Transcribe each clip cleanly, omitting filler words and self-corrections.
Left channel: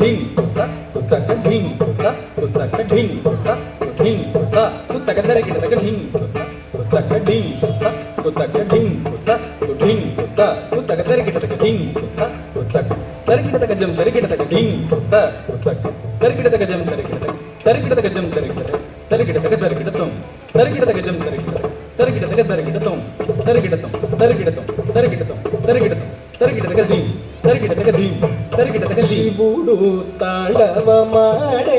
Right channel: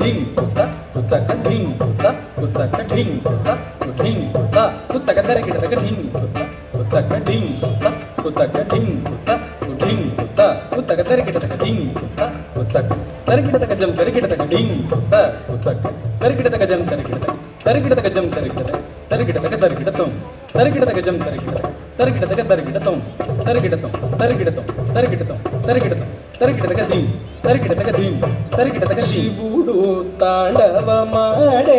ढिंग कुतक ढिंग कुतक ढिंग ढिंग कुतक दरकिडतक ढिंग कुतक ढिंग कुतक ढिंग ढिंग कुतक दरकिडतक ढिंग कुतक दरकिडतक जम दरकिडतक ढिंग कुतक दरकिडतक जम दरकिडतक जम दरकिडतक दरकिडतम दरकिडतक जम दरकिडतक दरकिडतम दरकिडतम दरकिडतम दरकिडतम दरकिडतम दरकिडतक ढिंग दरकिडतक ढिंग दरकिडतक ಶಿವುಡು ತಾಂಡವಮಾಡೆ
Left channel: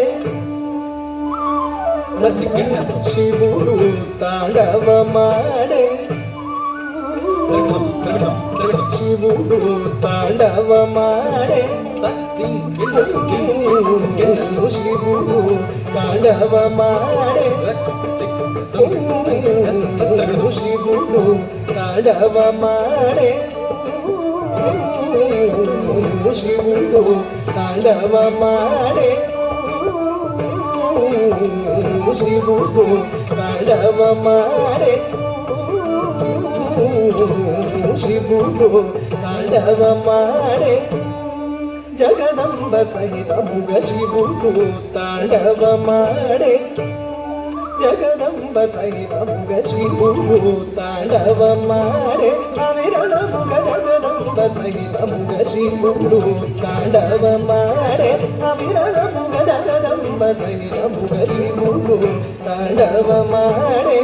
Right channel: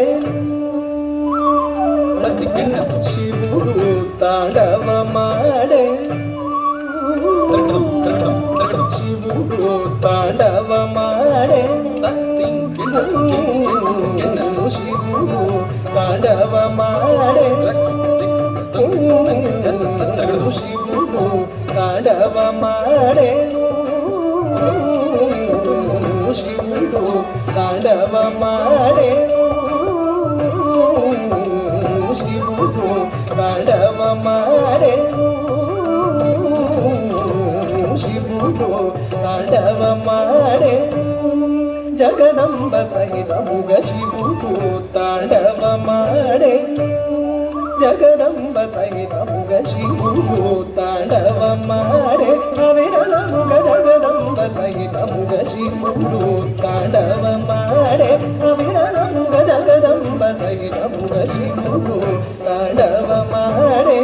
ಶಿವುಡು ತಾಂಡವಮಾಡೆ ಶಿವುಡು ತಾಂಡವಮಾಡೆ ಶಿವುಡು ತಾಂಡವಮಾಡೆ ಶಿವುಡು ತಾಂಡವಮಾಡೆ ಶಿವುಡು ತಾಂಡವಮಾಡೆ ಶಿವುಡು ತಾಂಡವಮಾಡೆ ಶಿವುಡು ತಾಂಡವಮಾಡೆ ಜಗದಂಬ ಸಹಿತ ಮುಗ ಶಿವುಡು ತಾಂಡವಮಾಡೆ ಜಗದಂಬ ಸಹಿತ ಮುಗ ಶಿವುಡು ತಾಂಡವಮಾಡೆ ಅವಿರಳ ಮುಗ ಜಗದಂಬ ಸಹಿತ ಮುಗ ಶಿವುಡು ತಾಂಡವಮಾಡೆ ಅವಿರಳ ಮುಗ ಜಗದಂಬ ಸಹಿತ ಮುಗ ಶಿವುಡು ತಾಂಡವಮಾಡೆ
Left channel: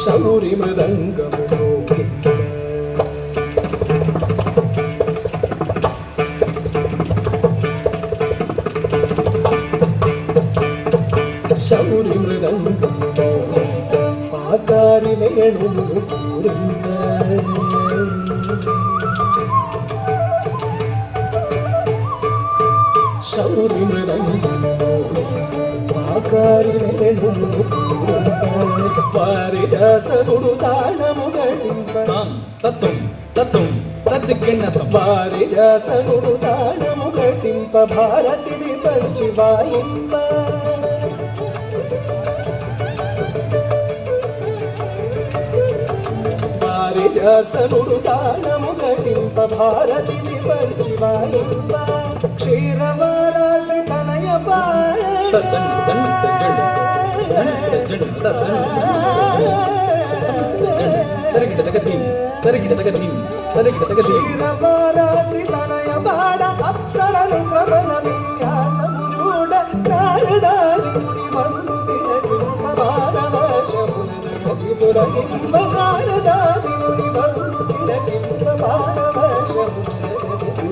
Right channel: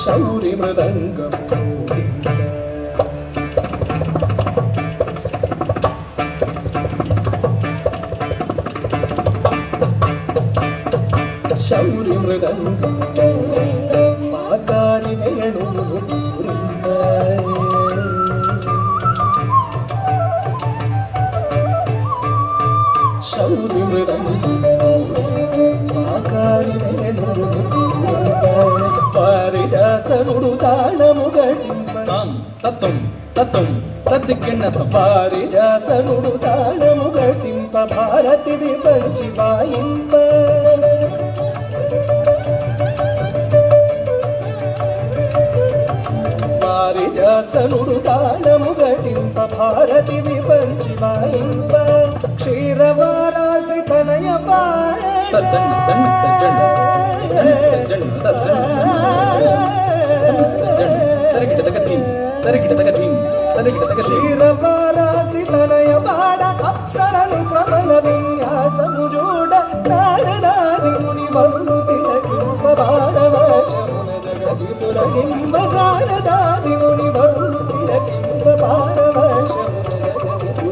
ಶೌರಿ ಮೃದಂಗ ಶೌರಿ ಮೃದಂಗ ಆಕಾರಿ ವೇಣು ಪೂರಿಂದ ಶೌರಿ ಮೃದಂಗ ಆಕಾರಿ ವೇಣು ಪೂರಿಂದ ಪಾರಿಜಾಸನುಡು ತಾಣಮುಗಳಿಂಪ ತತ್ವಂ ತತ್ವಂ ತದ್ದಿಕ್ಕೆನ್ನತಂ ಪಾರಿಜಾಸನುಡು ತಾಣಮುಗಳಿಂಪ ಭಾರತಿ ವಿಪಂಚಿ ಬಾಯಿಂಪ ಪಾರಿಜಾಸನುಡು ತಾಣಮುಗಳಿಂಪ ಭಾರತಿ ವಿಪಂಚಿ ಬಾಯಿಂಪ ಕ್ಷೀರವಾರಾಸಿ ತನಯ ಬಾಳ ಕ್ಷೀರವಾರಾಸಿ ತನಯ ಬಾಡ ಅಪ್ಸರನು ಪ್ರಬಲ ವಿನ್ಯಾಸಮು ಜೋಡ ನಾರದಾದಿ ಮುನಿ ಬಂದು ತಿಲಕಿಂಬ ಭಾರವ ಶೌನ ಜಗತಿ ಪುರಗಿಂಬ ನಾರದಾದಿ ಮುನಿ ಬಂದು ತಿಲಕಿಂಬ ಭಾರವ ಶೌನ ಜಗತಿ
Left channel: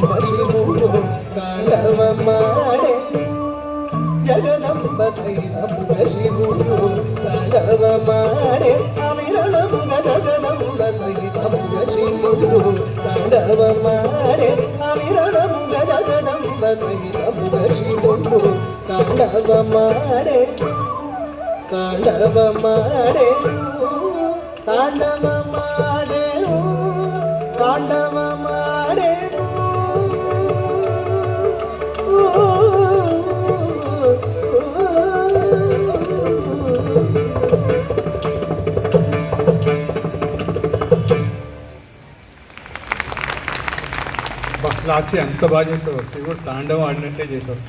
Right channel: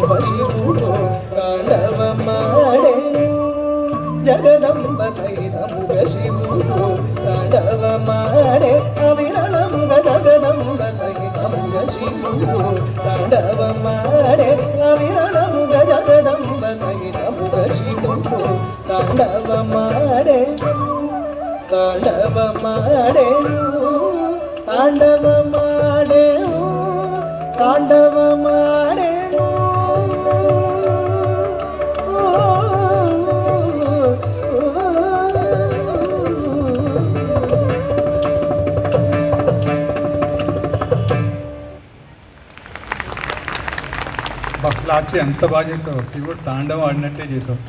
ಪುರಗಿಂಬ ಶಿವುಡು ತಾಂಡವಮಾಡೆ ಜಗದಂಬ ಸಹಿತ ಮುಗ ಶಿವುಡು ತಾಂಡವಮಾಡೆ ಅವಿರಳ ಮುಗ ಜಗದಂಬ ಸಹಿತ ಮುಗ ಶಿವುಡು ತಾಂಡವಮಾಡೆ ಅವಿರಳ ಮುಗ ಜಗದಂಬ ಸಹಿತ ಮುಗ ಶಿವುಡು ತಾಂಡವಮಾಡೆ ತಾಂಡವಮಾಡೆ ತಾಂಡವಮಾಡೆ ತಾಂಡವಮಾಡೆ బస్లాచి ఎంత బాగా చేసావు శివుడు తాండవం ఆడినట్టే చేసావు.